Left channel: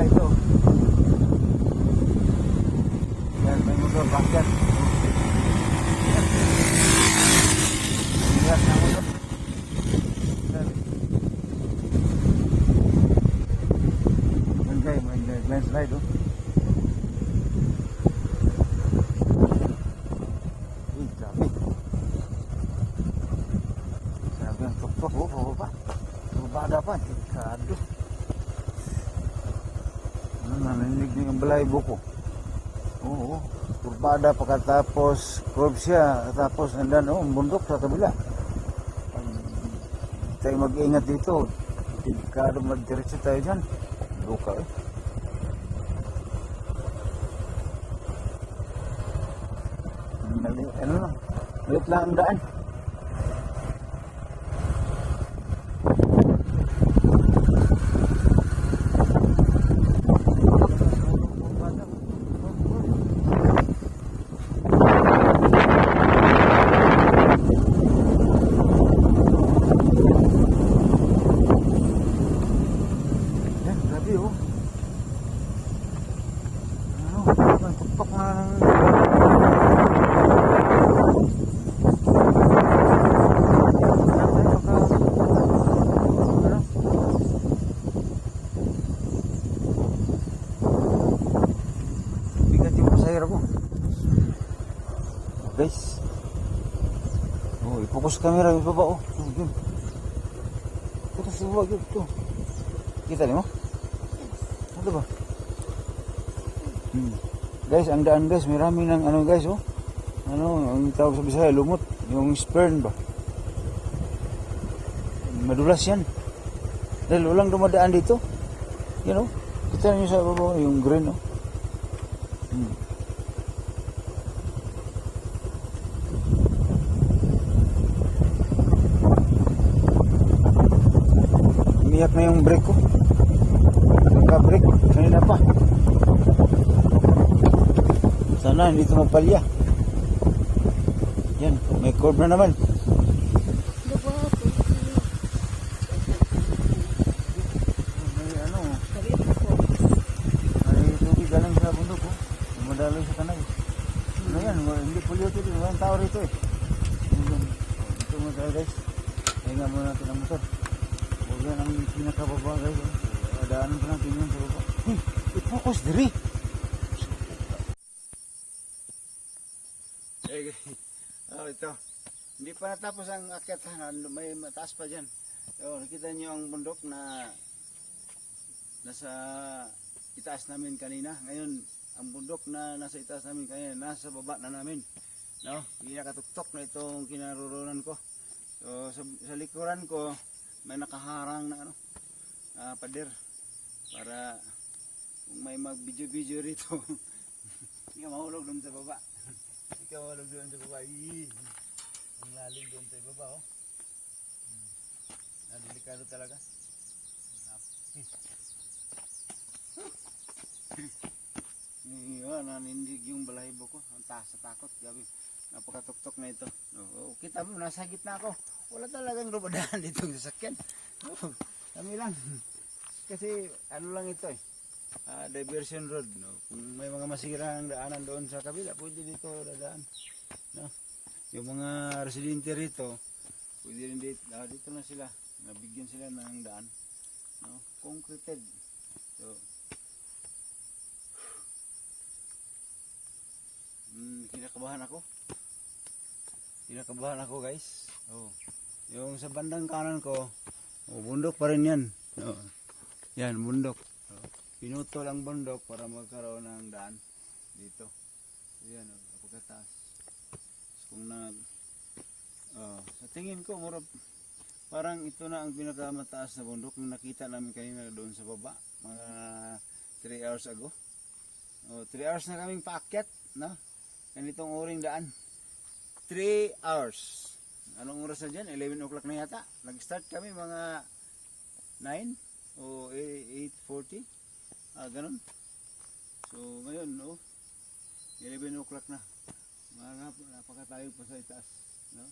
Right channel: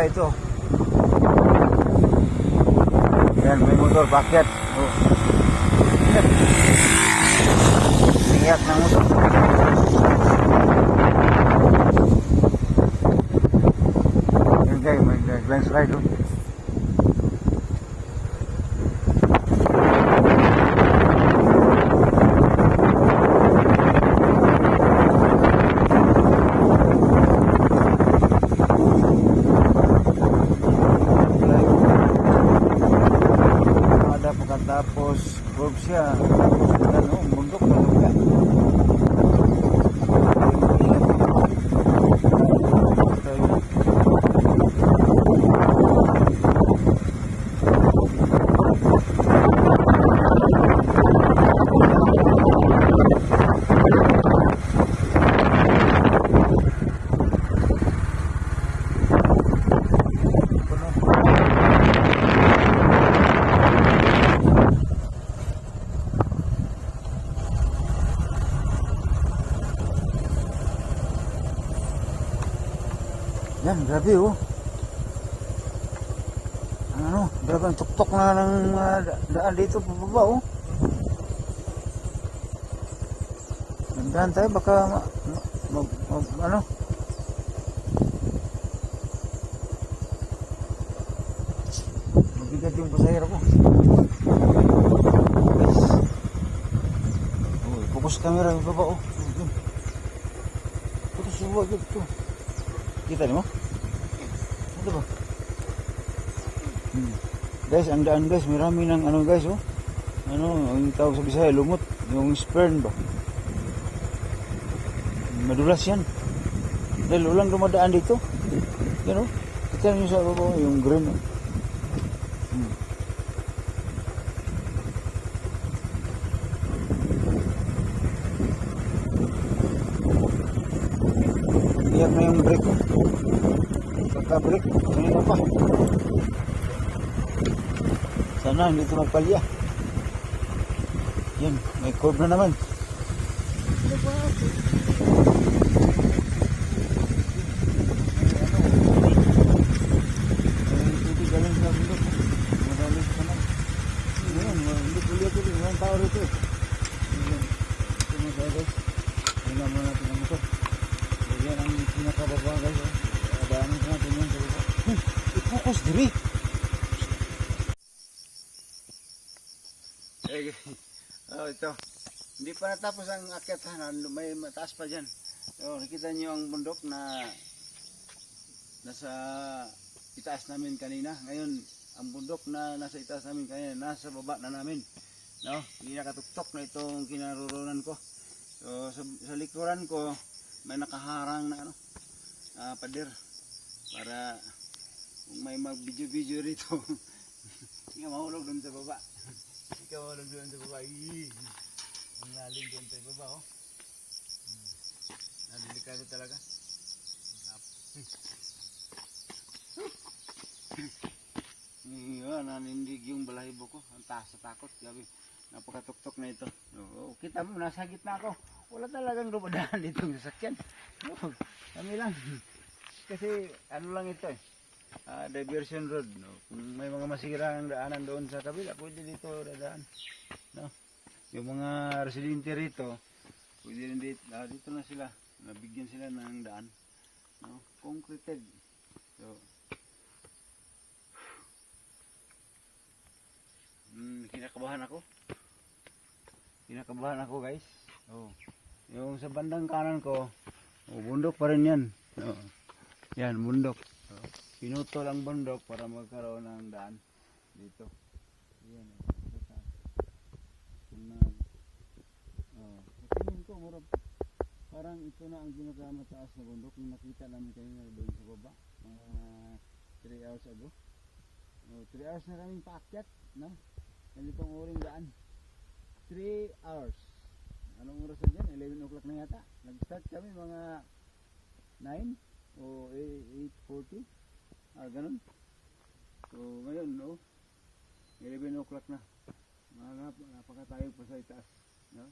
ba ito? Yan, may motor, bakit? Iyak ng motor. Yan guys, may landslide oh. Pagkatapos road siya, tapos nagano, bundok maganda. Tayo mag-ingat dito. Para mag-ingat tayo na. Yan, grabe oh. Ano, parang tuktok na ng yan tayo baka ano bigat yung pasahero ko guys. Oh, focus camera yung baba oh. Focus yung baba dito. Kita niyo? Ano ba? Guys, ang daan guys, marami ng ano guys oh. Ano, ang tawag sa Bisaya, lumot, yung sperm ba? Madulas yan. Dahil ulang dumadaan dito. Yan oh. Kita niyo sa baba, yung green oh. Iniyak na yung brake ko. Nagpa-brake. Kanina pa. Sana hindi ito magpalya. Yan. May curve na naman. Ano pa? May tubig galing sa bundok. Madaling sa kanan. Naman, hindi pulya ito. Walang tao rito eh. Ito yung guys. Hinga muna natin ang motor. Yan ang pinakababa guys. Dalangin ko natin yun sa baba. I-focus diri. Oh, ito. Hindi pa natapos ang akyat ha. May mataas pa dyan. So, nakita nyo ang bundok na nasa itaas namin kanina. Ngayon, ang bundok na nasa itaas namin kanina, nasa baba na namin. No? Hindi nakatuktok na itong kinaroroonan ko. So, sa likuran ko, may nakaharang na ano, pader para kung may mag-video rito hindi ka mahulog doon sa baba. Hindi ka mahulog doon sa baba. Ang lalim doon sa baba oh. Delikado talaga. Nanindig yung balahibo ko. Ang taas sa takot. Gabi, napakatuktok na ito. Oh, kita mo, nasa gitna ako. Wala talagang dumadaan dito ng sasakyan. Oh, kami lang. Kasi ano lang ito eh. Diversion road. No? Kung may mga masira ang daanan doon sa kabila, pwede dito dadaan. No? Yung mga residente rito, pwede rin dito, dito na sila. Nabigyan sila ng daan. No? Concreted. So, kinakabahan ako. Kinakabahan ako guys. Oh. Yung sa bandang kanan ko, bundok pa rin yan. Oh. Yan, bundok. Oh. Pinutol ang bundok para magkaroon ng daan dito. Yan, pagkataas. Kung sa tingin ko, parang ito na ang pinakamataas na bundok na nakita namin kanina doon sa baba. Mga 3 hours ago. 3 hours na kaming paakyat. No? Ganitong oring daan. 3 hours. Anong oras na dyan? 11 o'clock na yata. Nag-start kami mga 9 o 8:40. Ganun. So ngayon, 11 o'clock na. Napakatayo pa sa itaas. No?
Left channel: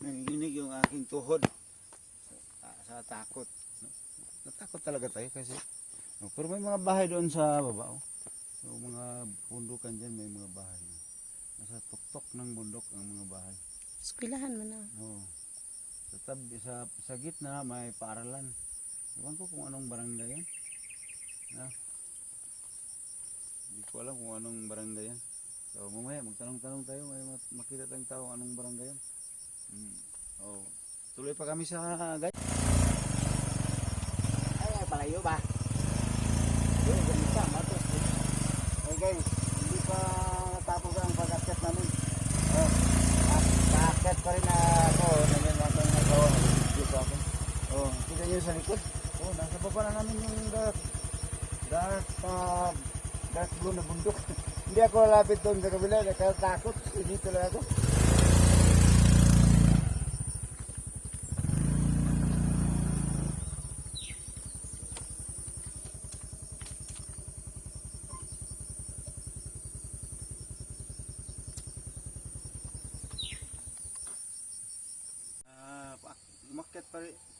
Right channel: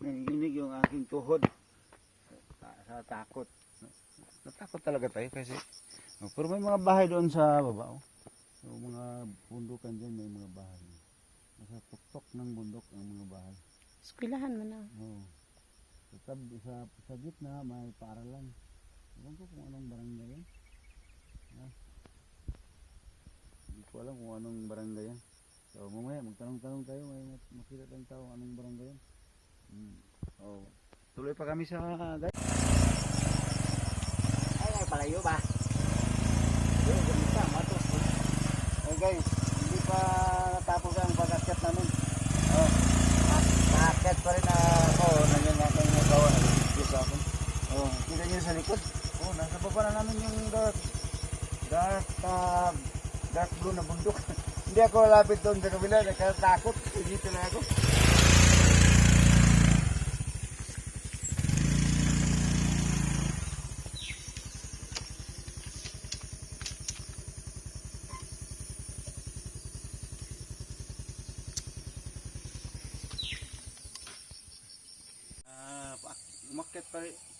Nanginginig yung aking tuhod sa takot. No? Natakot talaga tayo kasi Oh, pero may mga bahay doon sa baba. Oh. So, mga bundukan dyan, may mga bahay. Nasa tuktok ng bundok ang mga bahay. Eskwelahan man na. Oh. Sa gitna may paaralan. Ewan ko kung anong barangay yan. Hindi ko alam kung anong barangay yan. So mamaya magtanong-tanong tayo, may makita tayong tao anong barangay yan. Oh. Tuloy pa kami sa guys. Ay, palayo ba? Ayun, ganun pa, matos. Oh guys, hindi pa natapos ang pag-akyat namin. Oh. Pag-akyat pa rin ako. Nandiyan natin nagawa, nag-video sa akin. Oh, kita nyo sa likod. Oh, nasa baba na namin yung dark blue na bundok. Hindi ako lapit doon sa kabila, nakatakot. Dito lang ako.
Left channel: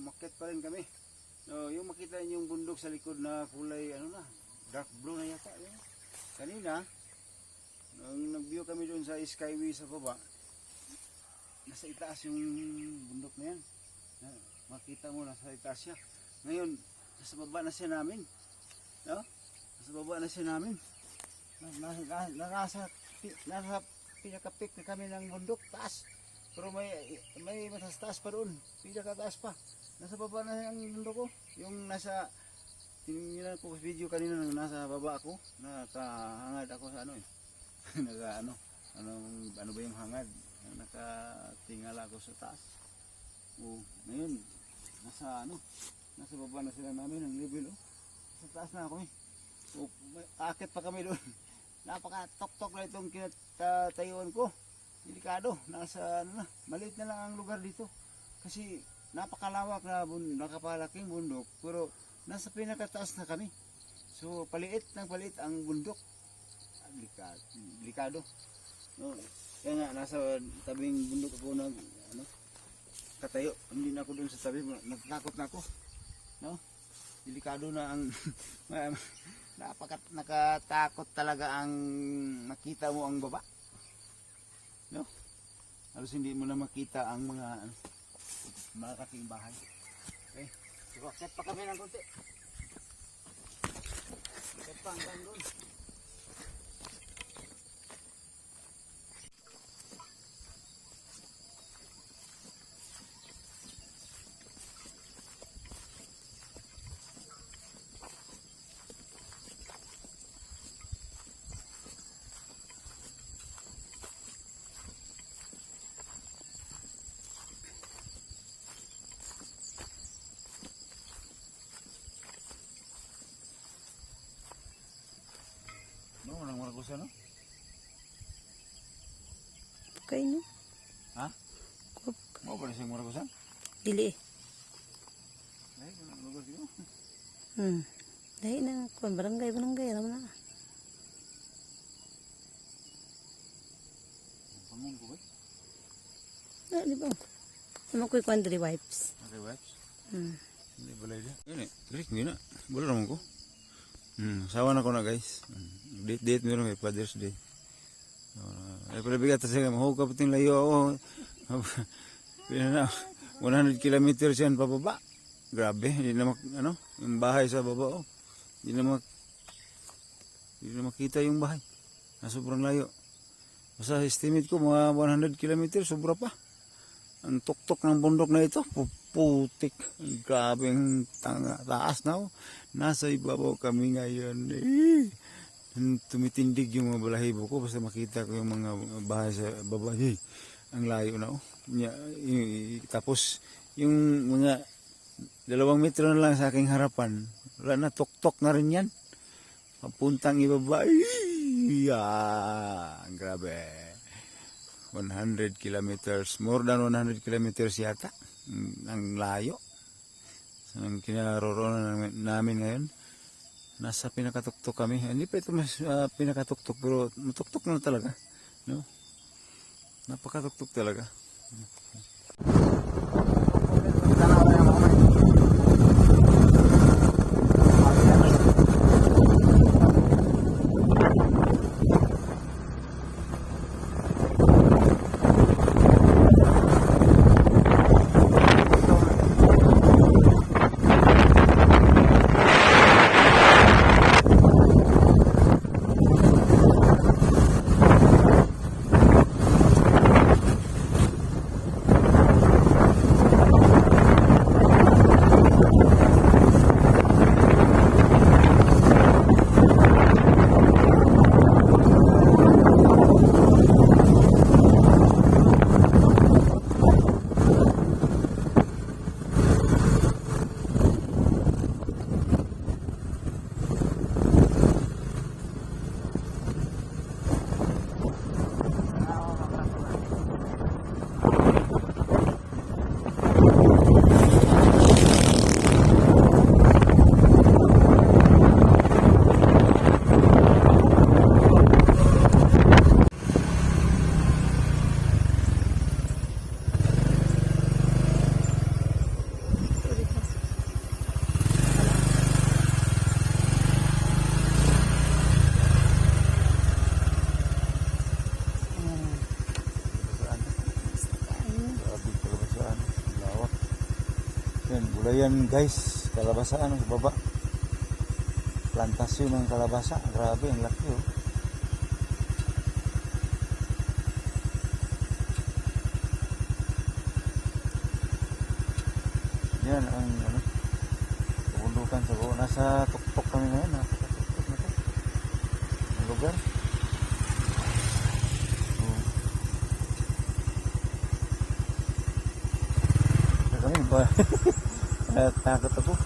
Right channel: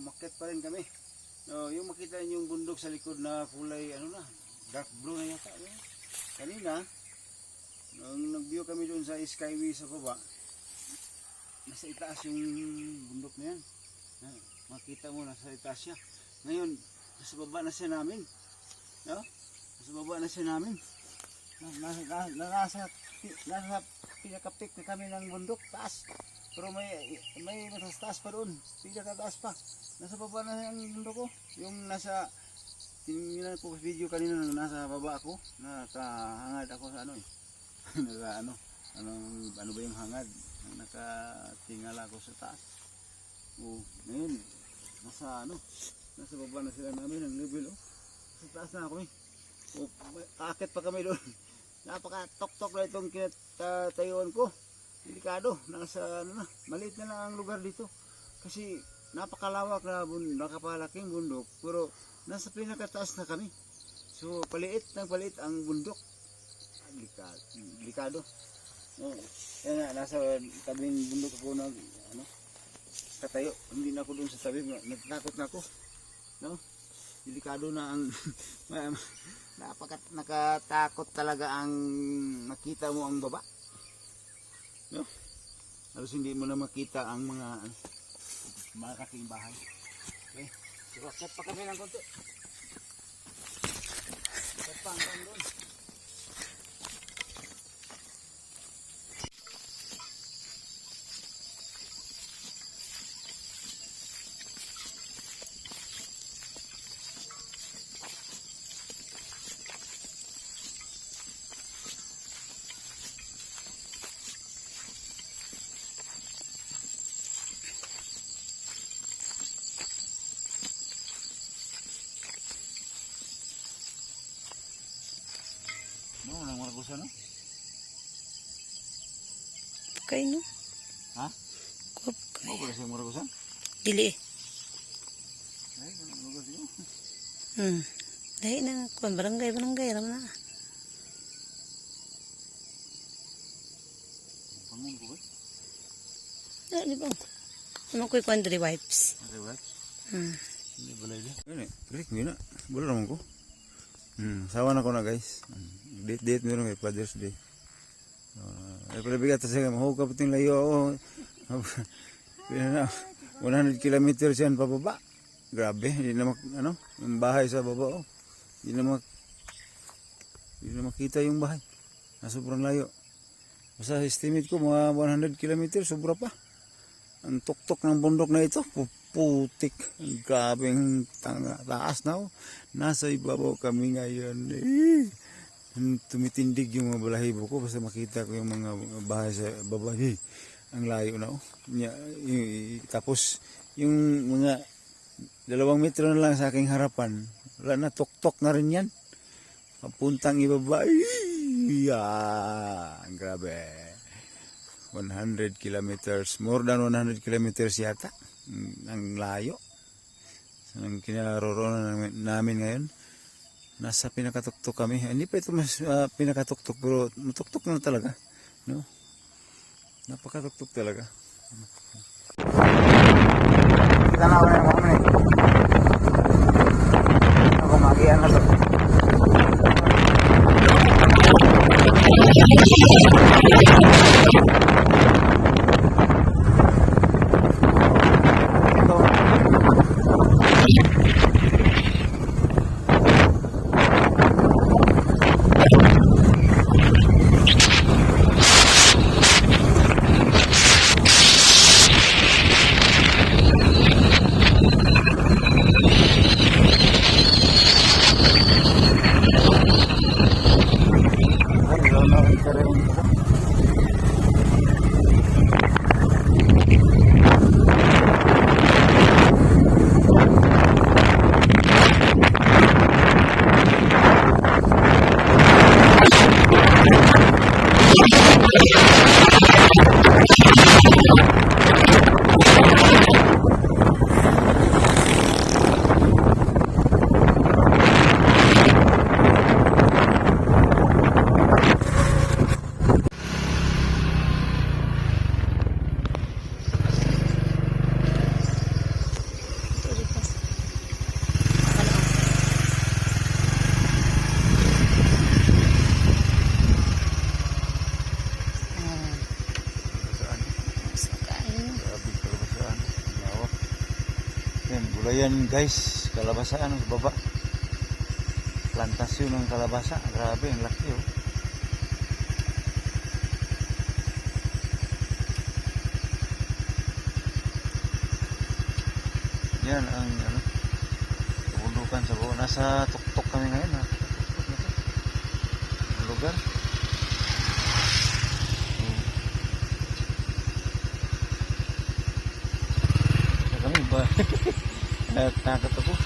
Umakyat pa rin kami. So, yung makita niyo yung bundok sa likod na kulay ano na, dark blue na yata. Yun. Kanina, nung nag-view kami doon sa Skyway sa baba, nasa itaas yung bundok na yan. Makita mo, nasa itaas siya. Ngayon, nasa baba na siya namin. No? Nasa baba na siya namin. Nasa pinaka-peak na kami ng bundok, taas. Pero may mataas pa doon, pinaka-taas pa. Nasa baba na yung bundok ko. Yung nasa, tingnan ko sa video kanina, nasa baba ako, nakahangad ako sa ano eh. ano ba yung hangad? Nakatingala ako sa taas. Oh, ngayon, nasa baba na sila namin ang level oh. Sa taas na ako eh. Oh, akit pa kami doon. Napaka-tok-tok na itong kinatayuan ko. Delikado, nasa maliit na lang ang lugar dito. Kasi napakalawak na nakapalaking bundok, pero nasa pinakataas na kami. So paliit ang bundok. Delikado. No, kaya nga nasa tabing bundok ako katayo. Hindi na ako doon sa tabi, natatakot na ako. No? Delikado na ang nakatakot talaga ang makita mo ang baba. No? Halos hindi mo na makita ang mga malaking bahay. Okay. So, akyat pa kami ng konti. Akyat pa hanggang doon. No, nang maragusa no? Kay no? Ha? Kuwap kay. Mo pala siyang maragusa? Dili eh. Ay, kung lugar siya. Dahil na, kung barangay, alam na. Pangun ko ba? Di ba? Ano ko'y quandary wipes? Okay ba? Hmm. Hindi balay dia. Ini, Rick, gina. Boleh naman ko. Sawa na ko na guys. Date meron kay Father's Day. Ay pala bigat kasi mahukap pating layo ako. Pina na 100 kilometers yan pababa. Grabe, hindi na yung bahay sa baba oh. Hindi na makita yung bahay. Sobrang layo. Basta estimate ko mga 100 kilometers, sobra pa. Ang tuktok ng bundok na ito, putik. Grabe ang taas na oh. Nasa ibabaw kami ngayon. Tumitindig yung mga balahibo ko basta makita ko yung mga bahay sa baba. Ang layo na oh. Tapos yung mga 2 metro na lang sa aking harapan, wala na, tuktok na rin yan. Papuntang ibaba. Grabe. 100 kilometers, more than 100 kilometers yata. Ang layo. Ang kinaroroonan namin ngayon. Nasa pinakatuktok kami. Hindi pa ito mas pinakatuktok, pero matuktok na talaga. No? Napakatuktok talaga. Kita na ako na Ayan guys, kalabasa ano sa baba. Plantasyon ng kalabasa. Grabe, ang laki oh. Yan ang ano, kabundukan sa baba. Nasa tuktok kami ngayon. Nasa tuktok na to. Ang lugar. Kami ba? Takot ako.